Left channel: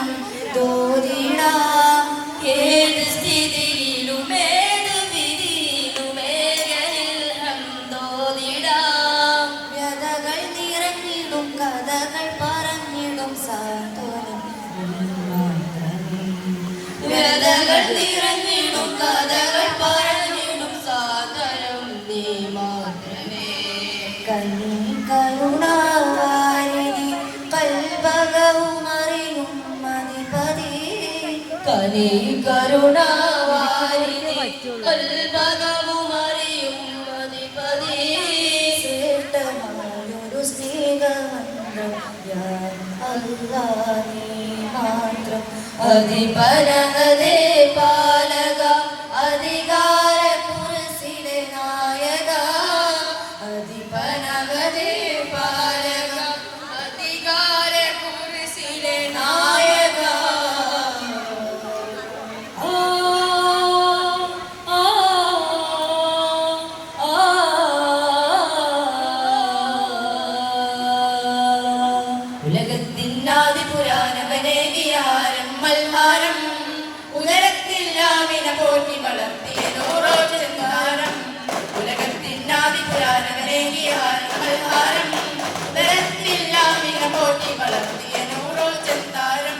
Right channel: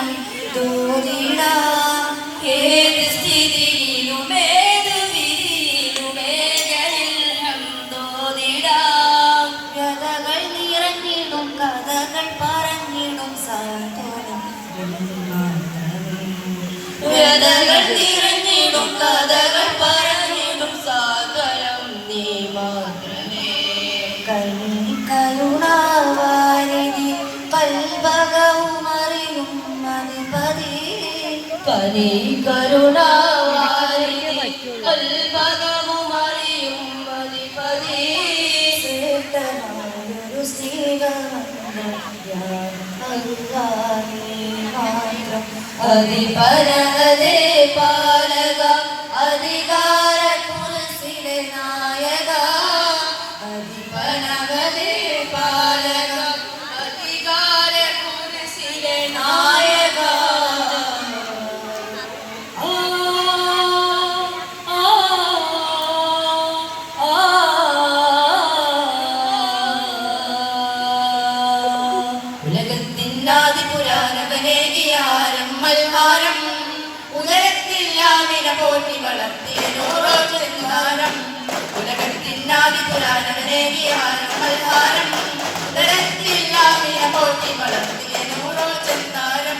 ഗീതം തോന്നിടാം. ഏത് സ്ഥിതിയിലുമേത് വിധിയിലുമേകയിൽ ഹംദോദിടാം. വ്യതകൾ നിറഞ്ഞിടും കഥകൾ പറഞ്ഞിടും സാന്ത്വനം മാത്രമേ. വ്യതകൾ നിറഞ്ഞിടും കഥകൾ പറഞ്ഞിടും സാന്ത്വനം നീ മാത്രമേ. കരുണാവാരിധി കൽഭകവുമറിയും അധിപതി. കരുണാവാരിധി കൽഭകവുമറിയും അധിപതി. ശ്രേഷ്ഠമായൊരു സ്നേഹമന്ത്രം മാത്രം. അതിപരഹദേ പാലക അധികാര കുർസിലെ നായക. അതിപരഹദേ പാലക അധികാര കുർസിലെ നായക. ഉലകത്തിനാദി പുരാണവനേകിയാരം മൽഹാരം. ഉദരത്തില്ലാമിന പോറ്റി വളർത്തിയ നൂറോ ചെങ്കാരം. ഉലകത്തിനാദി പുരാണവനേകിയാരം മൽഹാരം. ഉദരത്തില്ലാമിന പോറ്റി വളർത്തിയ നൂറോ ചെങ്കാരം.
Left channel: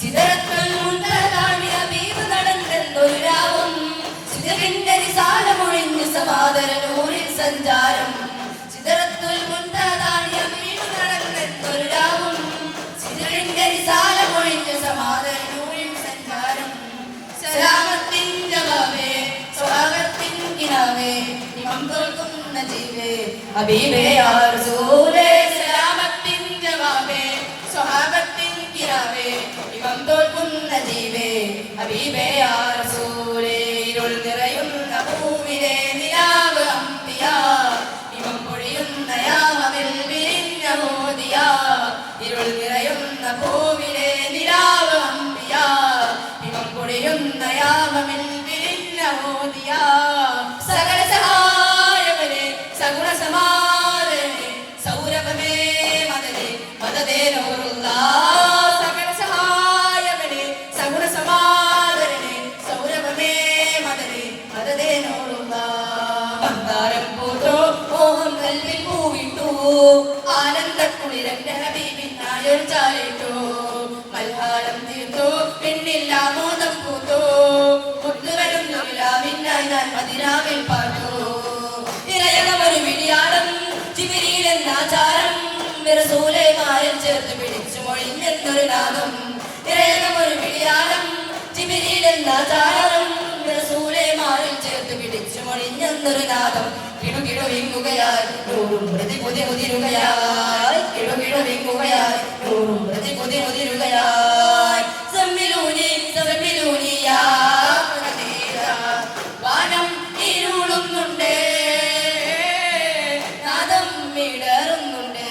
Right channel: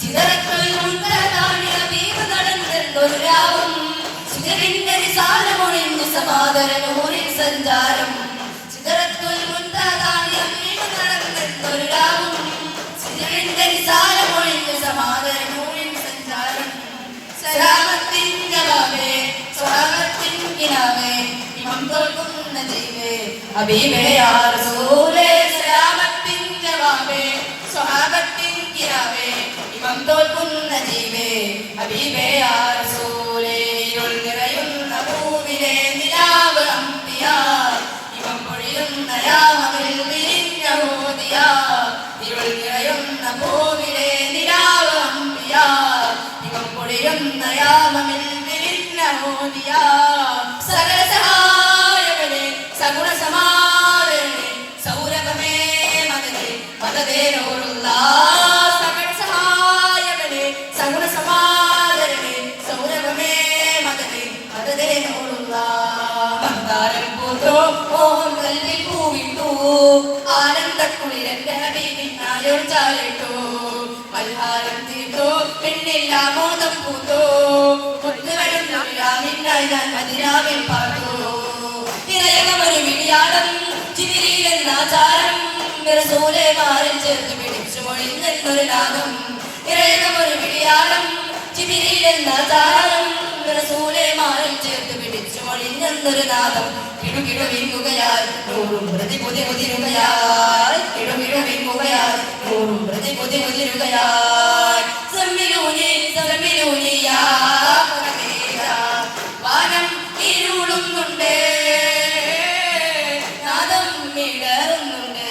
സിദറത്തുൽ മുൻതഹാമിന ഹബീബ് നടന്നെന്നൊരു രാവും. സിദറിന്റെ റിസാലമൊഴിഞ്ഞു സമാദര നൂറിൻ സഞ്ചാരം. സിദറത്തുൽ മുൻതഹാമിന ഹബീബ് നടന്നെന്നൊരു രാവും. സിദറിന്റെ റിസാലമൊഴിഞ്ഞു സമാദര നൂറിൻ സഞ്ചാരം. സലാമത്തിൻ ജവാബേ സ്വഹാബത്തിൻ കിനാവേ ഇമാം തോൽക്കുന്ന ജീവേ ഹബീബേ യാ റസൂലേ. സലാമത്തിൻ ജവാബേ സ്വഹാബത്തിൻ കിനാവേ ഇമാം തോൽക്കുന്ന ജീവേ ഹബീബേ യാ റസൂലേ. ഇരുൾ നിറയുന്ന ഭൂമിലെ നിലാവ് അംബിയ ഇമാം പൊഴിയുന്ന യാമമിൽ വിരിഞ്ഞ മോദിയ. ഇരുൾ നിറയുന്ന ഭൂമിലെ നിലാവ് അംബിയ ഇമാം പൊഴിയുന്ന യാമമിൽ വിരിഞ്ഞ മോദിയ. സകല സഹായകനെ സഗുണ സമാദരനെ സൗരഭമേ മദനേ മദദേ നൂറുല്ലാഹ്. സകല സഹായകനെ സഗുണ സമാദരനെ സൗരഭമേ മദനേ മദദേ നൂറുല്ലാഹ്. മന്ദാരം പൂത്തോ മോഹം കൽവിൽ പൂവിട്ടു. ആനന്ദക്കുളിരന്റെ ഹബീബിനായോ ചാരിട്ടു. മൽഹാരം തീർത്തു പെണ്ണില്ല മോദം പൂത്തു. മുത്തുവരുന്നില്ലാമിന്നായി ഞാൻ മദിനാവിൽ പാർത്തു. നിറയകമൊരു വിളിയാളം ജിബ്രീലെന്നാചാരം. റസൂലേമാരിൽ ചേർത്ത് പിടിച്ചു മൊഴിഞ്ഞെന്നൊരു നാദം. നിറയകമൊരു വിളിയാളം ജിബ്രീലെന്നാചാരം. റസൂലേമാരിൽ ചേർത്ത് പിടിച്ചു മൊഴിഞ്ഞെന്നൊരു നാദം. കിടുകിടു വിങ്ങുകയായി നൂറും പ്രതി പുതി മുതിരുകയായി. കിടുകിടു വിങ്ങുകയായി നൂറും പ്രതി പുതി മുതിരുകയായി. സമ്മിലൂനി സമ്മിലൂനി യാ പരമേശ. വാനം ഇരുളുന്നുണ്ട് നാദം മിടറുന്നുണ്ട്.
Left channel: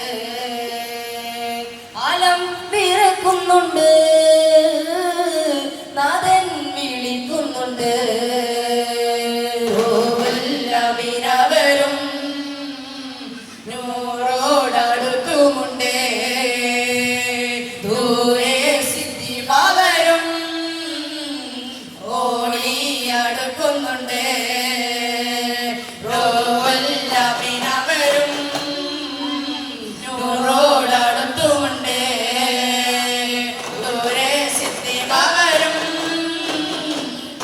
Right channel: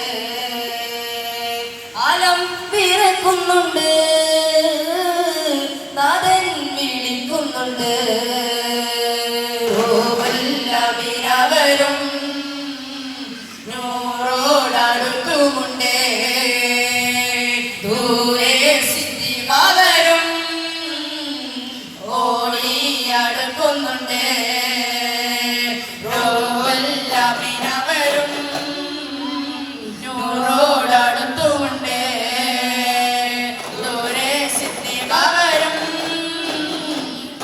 ആലം പിറക്കുന്നുണ്ട് നാദൻ വിളിക്കുന്നുണ്ട്. വരും നൂറോടടുത്തുമുണ്ട്. ദൂരെ സിദ്ധി പകരും ഓടിയടുക്കുന്നുണ്ട്. വരും നൂറോടടുത്തുമുണ്ട്. ദൂരെ സിദ്ധി പകരും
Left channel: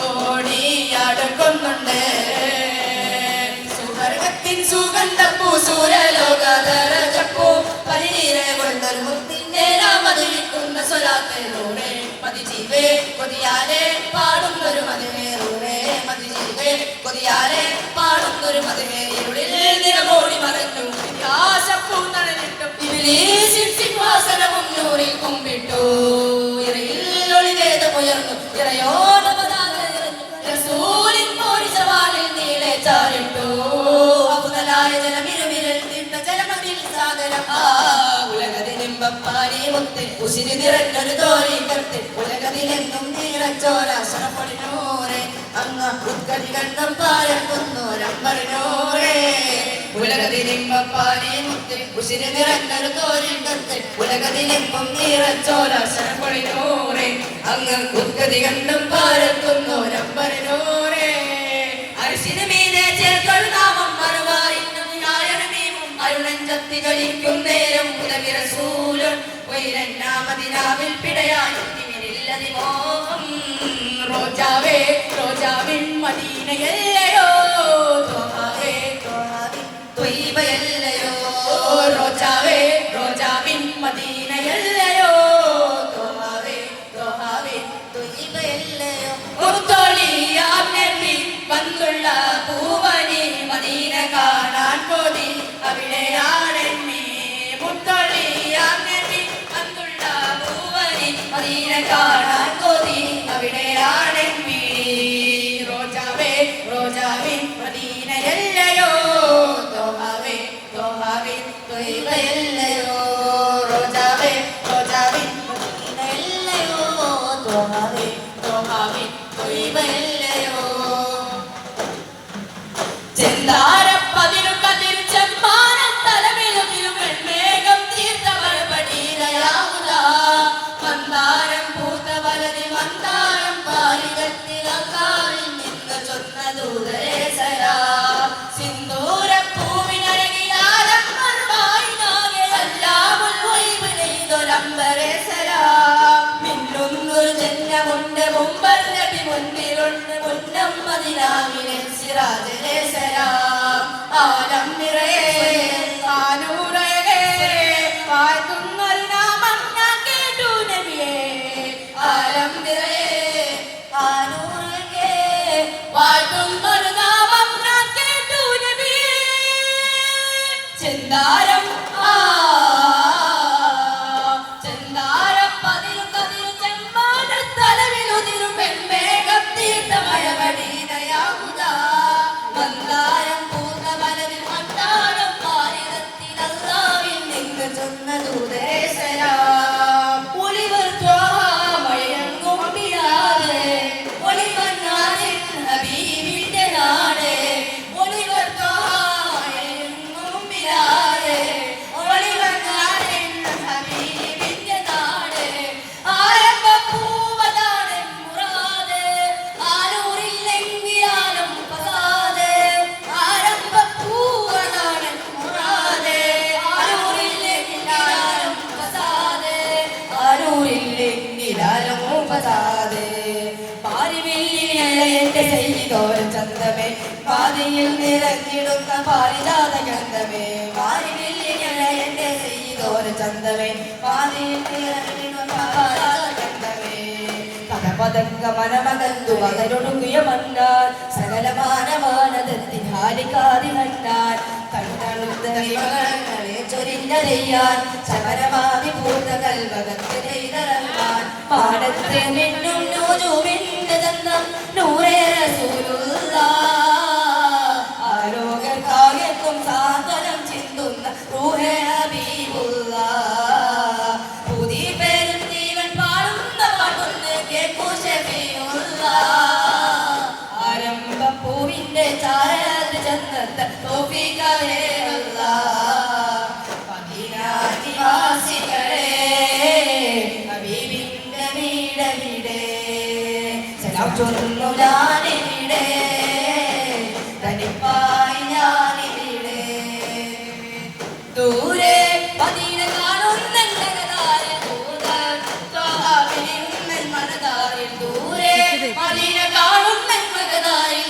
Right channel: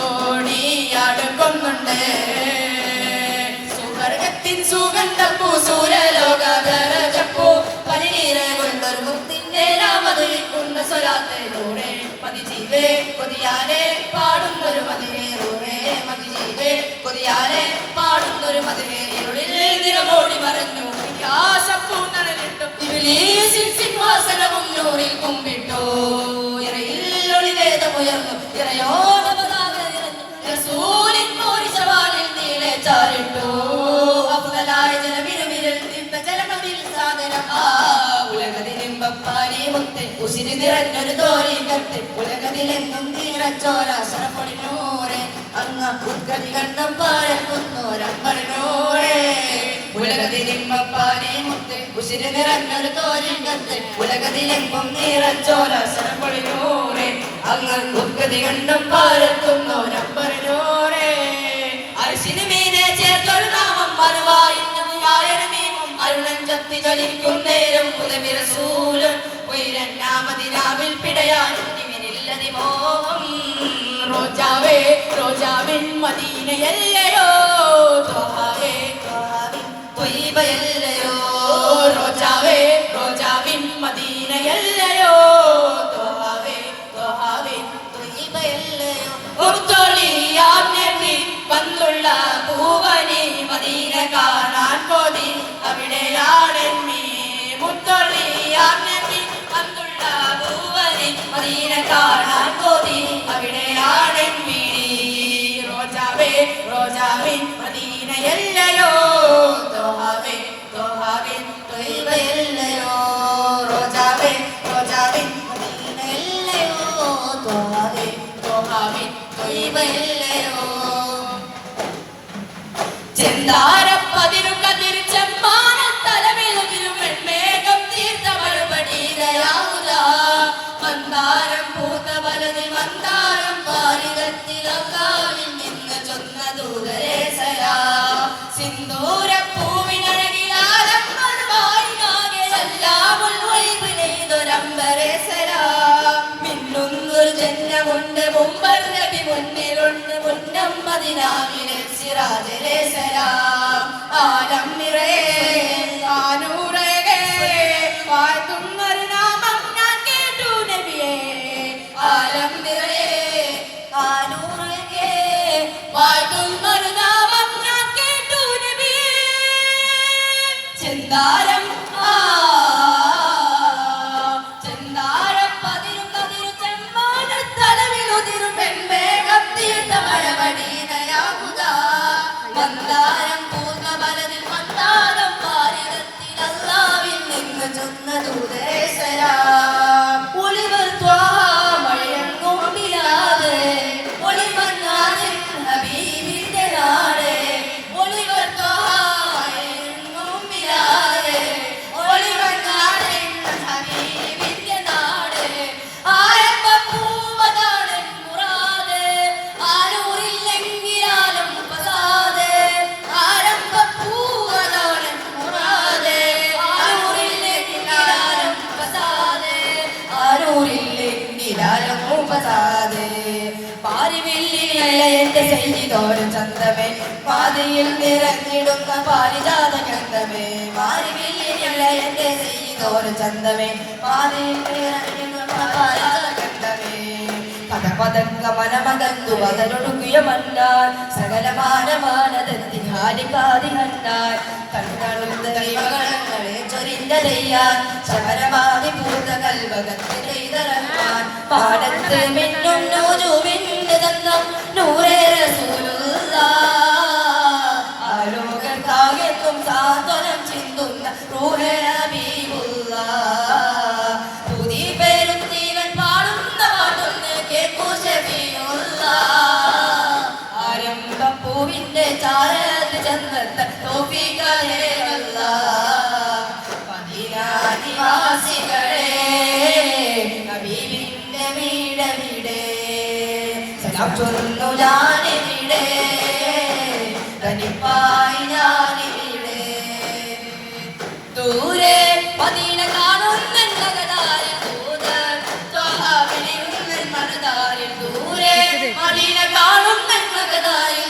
ഓടിയടുക്കുന്നുണ്ട്. സുഗന്ധപ്പൂ സൂര്യലോകപ്പൂ പനിനീരെ കൊണ്ടൊരു മുത്തിന്റെ നാമതിരിക്കുന്ന സ്വലാത്തിലൂടെ മതിജീവേ കൊതിയാലെ പാടുന്നൊരു മതിവേറൂറേ. മതിജീവേ കൊതിയാലെ പാടുന്നൊരു മതിവേരുളിൽ നിലമോടി മറഞ്ഞു. ആശപ്പൂ നടന്നിട്ടും ഇബ്ലീസിൻ സിംഹാസനവും നൂറിൽ കുമ്പിട്ടു. ഇറയിൽ ഒളിവേദമുയർന്നു ഇറയോടപതാക ഇറഞ്ഞു. റസൂലിൻ പോരി സവാലിൽ നീളെ ചാരിട്ടു. ഉസിരി നിറഞ്ഞൊരു തോരി കട്ട് ഉലകത്തിലെന്നും നീറച്ചോരാശനപ്പൊടിനൂരെ. അങ്ങ് ഉദ്ഗതി കണ്ണം പാരക്കുന്നോരമ്പടിനൂരെ. ഉലകത്തിലിമ്പപ്പാനെ മുത്ത് ഉശിര് നിറഞ്ഞൊരു തോരിങ്കത്ത് ഉലകത്തിലെങ്കും നിറച്ചോല ശരപ്പൊളിനോറെ അങ്ങ് ഉത്കതി കണ്ടും പാരത്തുന്നു നമ്പറിനോറെ അരിശിന് മീനെ ചേർത്തൊരു നാമം അരുണഞ്ചത്തി കളിക്കും നേരം മുതലിര സൂലം ഒരണ്ടാമതിനാവിൽ പിടയാനും മോഹം റോജാവേ റോജാവിൻ മദീനയല്ലയോ ത്വഹാവേ ത്വഹാവിൻ ത്വയ്ബയല്ലയോ റോജാവേ റോജാവിൻ മദീനയല്ലയോ ത്വഹാവേ ത്വഹാവിൻ ത്വയ്ബയല്ലയോ ഉർത്തോളിയാം നബി വന്നുള്ള പൂവനി മദീന കാണാൻ പോടി അവിടെയാണെന്നീ മുത്തോളിയാം നബി വന്നുള്ള പൂവനി മദീന കാണാൻ പോടി അവിടെയാണെന്നീ റോജാവേ റോജാവിൻ മദീനയല്ലയോ ത്വഹാവേ ത്വഹാവിൻ ത്വയ്ബയല്ലയോ റോജാവേ റോജാവിൻ മദീനയല്ലയോ ത്വഹാവേ ത്വഹാവിൻ ത്വയ്ബയല്ലയോ ചെന്താരപ്പതിരു കതിർ ചെമ്മാനത്തലമിലും മേഘം തീർത്ത മറുപടിയിലയാവുക മന്ദാരം പൂത്ത വലതി മന്ദാരം പാലികത്തിലും നിന്ന് ചൊന്ന ദൂരേശരാ സിന്ദൂര പൂവിനഴകിയാരം മറുപാടിനാകെയെല്ലാം ഉൾവൈവിനെയ്തൊരമ്പരേശരാ മിന്നുന്നൊരു ജന്യമുണ്ട് മുമ്പർ നബി മുന്നിലുണ്ട് മുന്നം മദിനാവിലെ സിറാജേശരാ ആലം നിറയെ ആനൂറയെ വാഴ്ത്തുന്നൊരു നാമം ഞാൻ കേട്ടു നബിയേ ആലം നിറയെ ആനൂറയെ വാഴ്ത്തുന്നൊരു നാമം ഞാൻ കേട്ടു നബിയേ ചെന്താരം ചെന്താരപ്പതിരു കതിരു ചെമ്മാനത്തലവിലുതിരും പെൺമേഘം തീർത്ത മഴവടീനയാവുക മന്ദാരം പൂർണ്ണ മലരിൽ മന്ദാരം പാരിതത്തിലല്ലാവിൽ നിന്ന് ചൊന്ന ദൂരേശരാ ഒളിവർ മഴയങ്ങും പിരാതെ ഒളിമന്നാസിൻ ഹബീബിന്റെ നാട് ഒളിവർ മഴയങ്ങും പിരാതെ ഒളിമന്നാസിൻ ഹബീബിന്റെ നാട് ആരംഭപ്പൂവതാണ് മുറാദ് ആരൂരില്ലെങ്കിലാലും പസാദ് ആരംഭപ്പൂവതാണ് മുറാദ് ആരൂരില്ലെങ്കിലാലും പസാദ് ആരൂരില്ലെങ്കിലാലും പസാദ് പാരിവില്ലിലെ എന്റെ ചെയ്തോരും ചന്തമേ പാതിയിൽ നിറഞ്ഞിടുന്ന പാരിജാത ഗന്ധമേ പാരിവില്ലിലെ എന്റെ ചെയ്തോരും ചന്തമേ പാതിയിൽ നിറഞ്ഞിടുന്ന പാരിജാത ഗന്ധമേ പദപദങ്ക മനമകന്തു പകരൊടുങ്ങിയ മന്നാൽ സകലമാനമാനദത്തി ഹാരികാരി കണ്ടാൽ കണ്ണുള്ള ദൈവങ്ങളെ ചൊരിഞ്ഞറിയാൻ ശബരമാതി പൂർണ്ണ കൽവകത്തിനെയ്തറങ്ങാൻ പാടത്ത് മിന്നുന്നു ജൂവിന്റെ ഗന്ധം നൂറേ റസൂലുള്ളാഹ് ആരോഗ്യക്കാകെത്തും സാന്ത്വനം ചിന്തുന്ന റൂഹേ ഹബീബുള്ളാഹ് പുതിയ പേരും ജീവൻ പാടുന്ന പാട്ടൊന്ന് കേൾക്കൂ ശഫീഉള്ളാഹ് ആരംഭപ്പൂവിന്റെ ചാരത് ചന്ദ്രത്തെ തോഫീഖായേ അല്ലാഹ് മദീനാനിവാസികളെ ഹബീബിന്റെ വീടവിടെ സലാം ചൊല്ലുന്നു ഞാനിവിടെ തനിപ്പായി ഞാനിവിടെ ദൂരെ മദീന കാണുന്നതായ മനതാരിൽ ദൂരെ മദീന കാണുന്നതായി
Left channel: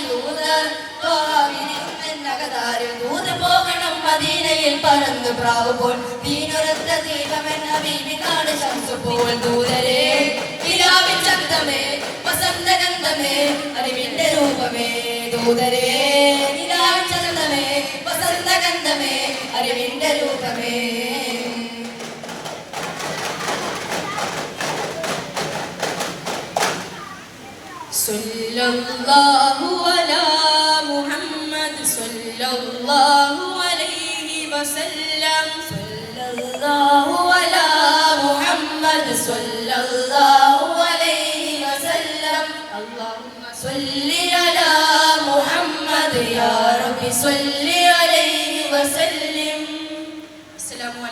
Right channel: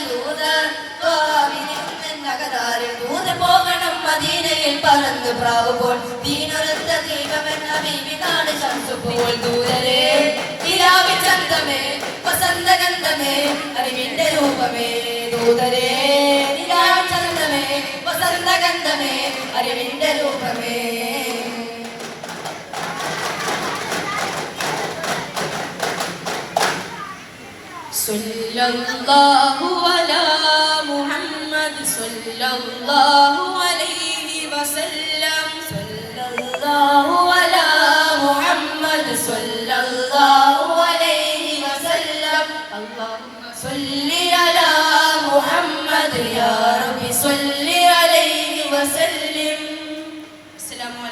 ദൂരെ പോകണം മദീനയിൽ പറന്ന് പ്രാവുമ്പോൾ ദീനൊരത്ത ദീപമെന്ന ഹബീബിനാണ് ശംസുപ്പോൾ ദൂരരെ ഇലാവി ചന്തമേ വസന്തഗന്ധമേ അറിവിന്റെ രൂപമേ ദൂതരേ ഇലാവി ചന്തമേ വസന്തഗന്ധമേ അറിവിന്റെ രൂപമേ സല്ലല്ലാഹു അലാ മുഹമ്മദ് സല്ലല്ലാഹു അലൈഹി വസല്ലം സല്ലല്ലാഹു അലാ മുഹമ്മദ് സല്ലല്ലാഹു അലൈഹി വസല്ലം അല്ലാഹുമ്മ സല്ലി അലാ മുഹമ്മദ് യാ റബ്ബി സല്ലി അലൈഹി وسلم